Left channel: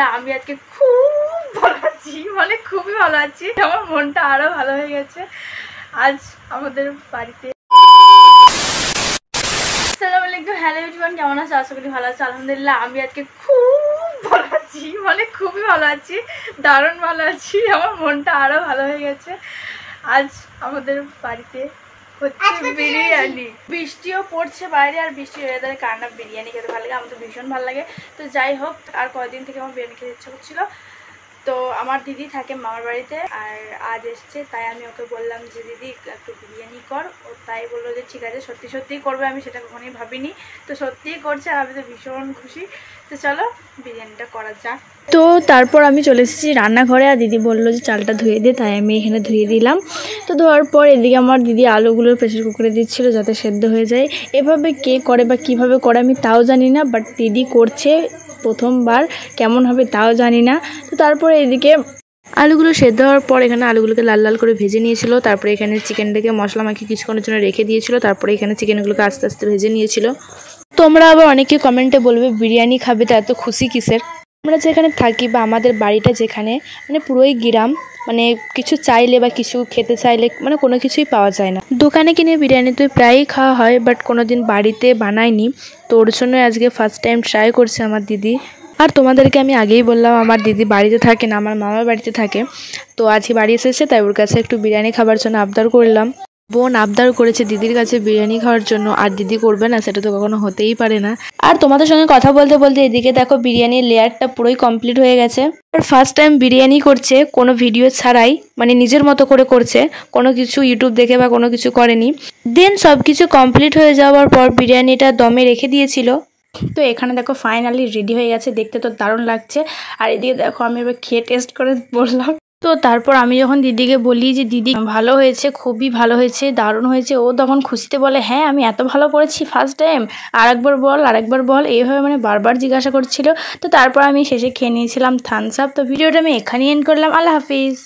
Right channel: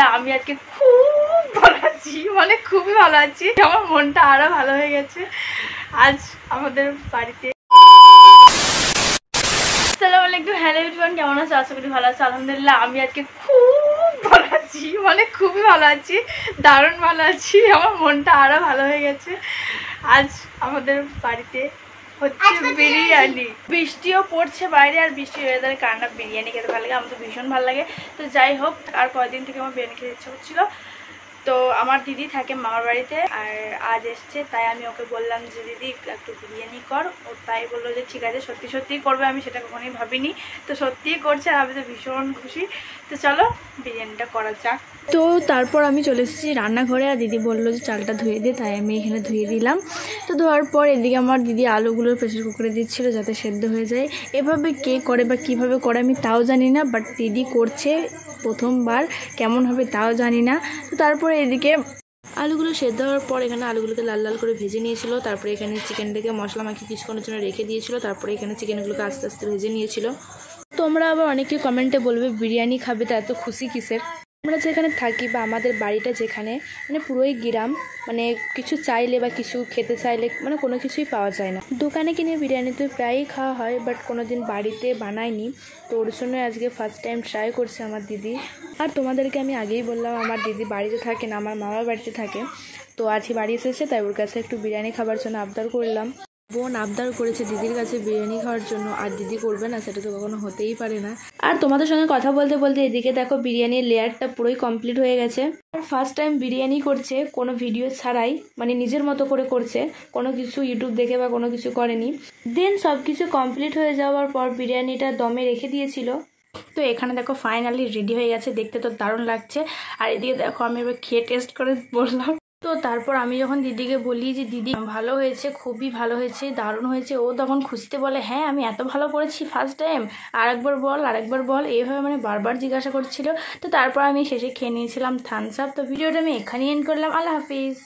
না আমি আজকে খুব ভালো আছি, মানে খুবই ভালো আছি। আমার মনটা আরো ভালো হয়ে গেছে আজ আমাদের বাড়িতে। আসসালামু আলাইকুম, হ্যালো এভরিওয়ান, কেমন আছো? আশা করি ভালো আছো। আলহামদুলিল্লাহ আমি আজকে খুব ভালো আছি, মানে খুবই ভালো আছি, দারুণ ভালো আছি। আমার মনটা আরো ভালো হয়ে গেছে আজ আমাদের বাড়িতে হচ্ছে বিরিয়ানি। বৃষ্টিও পড়ছে বাইরে, আর বৃষ্টির ওয়েদারে কার না বিরিয়ানি খেতে ভালো লাগে, আমার তো ভীষণ ভালো লাগে। তো যাই হোক, আর কয়েকদিন থেকে আমার বিরিয়ানি খেতে ইচ্ছা করছিল। তো আমার দিদি থাকে মামার বাড়িতে, আর আজ এসছে, তাই আমি ওকে বললাম যে দিদি একটু বিরিয়ানি কর। ও তাই বললো যে ঠিক আছে, সত্যি সত্যিই করবে, আমি সেটা কখনোই ভাবিনি। তো সত্যিই করছে, আর আমি তো ভীষণ খুশি। তো চলো বিরিয়ানিটা করা যাক। তো তারপর আমি চলে এসেছি রান্নাঘরে, আর দিদি বললো যে চালটা ধুয়ে দে, তাই আমি এখানে ধুয়ে দিলাম। তো ধোয়ার পর এদিকে আমার দিদি আলুগুলো প্রেসার কুকারে দিচ্ছিলো যাতে সেদ্ধ হয়ে যায়। এভাবে কে করে বা কিভাবে করে আমি তাও জানি না, বাট দিদি করছে প্রথমবার, কেমন হবে তাও জানি না। তো তারপরে এদিকে আলুগুলো সেদ্ধ হওয়ার পর এখানে আলুগুলোকে লাল লাল করে ভেজে নিয়েছিল। তারপরে এখানে চিকেনটাকে মশলা মাখিয়ে কিছুক্ষণের জন্য রেখে দিয়েছিল। তারপরে এখানে চিকেনগুলোকে আস্তে আস্তে ভেজে নিয়েছিল। তোমরা আবার অনেকে কমেন্টে বলবে বিরিয়ানি খাবে, তো এত খুশি কিসের? আমরা যেখানে থাকি বা আমাদের বাড়িটা যেখানে, মানে পুরোই গ্রাম, মানে কিছু চাইলে বা কিছু খেতে চাইলে মানে কোনো কিছুই পাওয়া যায় না। দোকানে কিনে বিরিয়ানি তো প্রায়ই খাওয়া হয়, বাট কোনো দিন বাড়িতে বানাইনি। তো ওর জন্য আজকে ফার্স্ট টাইম ট্রাই করছে আমার দিদি। আর তোমাদেরকে আমি আগেই বললাম আমার দিদি বাড়িতে থাকে না, আমার মামার বাড়িতে থাকে। তো আজকে বাড়ি এসেছে, তাই ওর কাছে একটু বিরিয়ানি খাবার জন্য আবদার করলাম। বোন আবদার করেছে দিদির কাছে বিরিয়ানি খাওয়ার জন্য, আর দিদি করবে না সেটা তো কখনো হতেই পারে না। আর তোমাদের সঙ্গে কথা বলতে বলতে এদিকে দেখো বিরিয়ানির লেয়ারটা পুরোই কমপ্লিট হয়ে গেছে। আর ফার্স্ট টাইম বিরিয়ানি করছে কোনো ভিডিও ছাড়াই, মানে নিজের মতো করে করছে, কোনো কিছু ইউটিউব দেখে বা কোনো কিছু করেনি। দেন সব কিছু কমপ্লিট হয়ে যাওয়ার পর বিরিয়ানিটা দমে রেখে দিয়েছিল। তো এখানে দেখো ফাইনালি রেডি হয়ে গেছে, দেখতে তো দারুণ লাগছে। আর এদিকে দেখো আমি এবার খেয়ে টেস্ট করে বললাম। তো তারপর আমি যখন দিদিকে বলি যে দিদি ভালো হয়েছে, খুবই ভালো হয়েছে, দারুণ হয়েছে, ও তখন খুশিতে বলে হ্যাঁ আমি এত ভালো করেছি ফার্স্ট টাইম, আরেকবার বল আরেকবার বল, এইভাবে মানে বারবার জিজ্ঞাসা করছিল। তো তারপর আমি শেষে খেয়ে নিয়েছিলাম থামস আপ। তো ভিডিওটা আমি এখানেই এন্ড করলাম। আল্লাহ হাফিজ।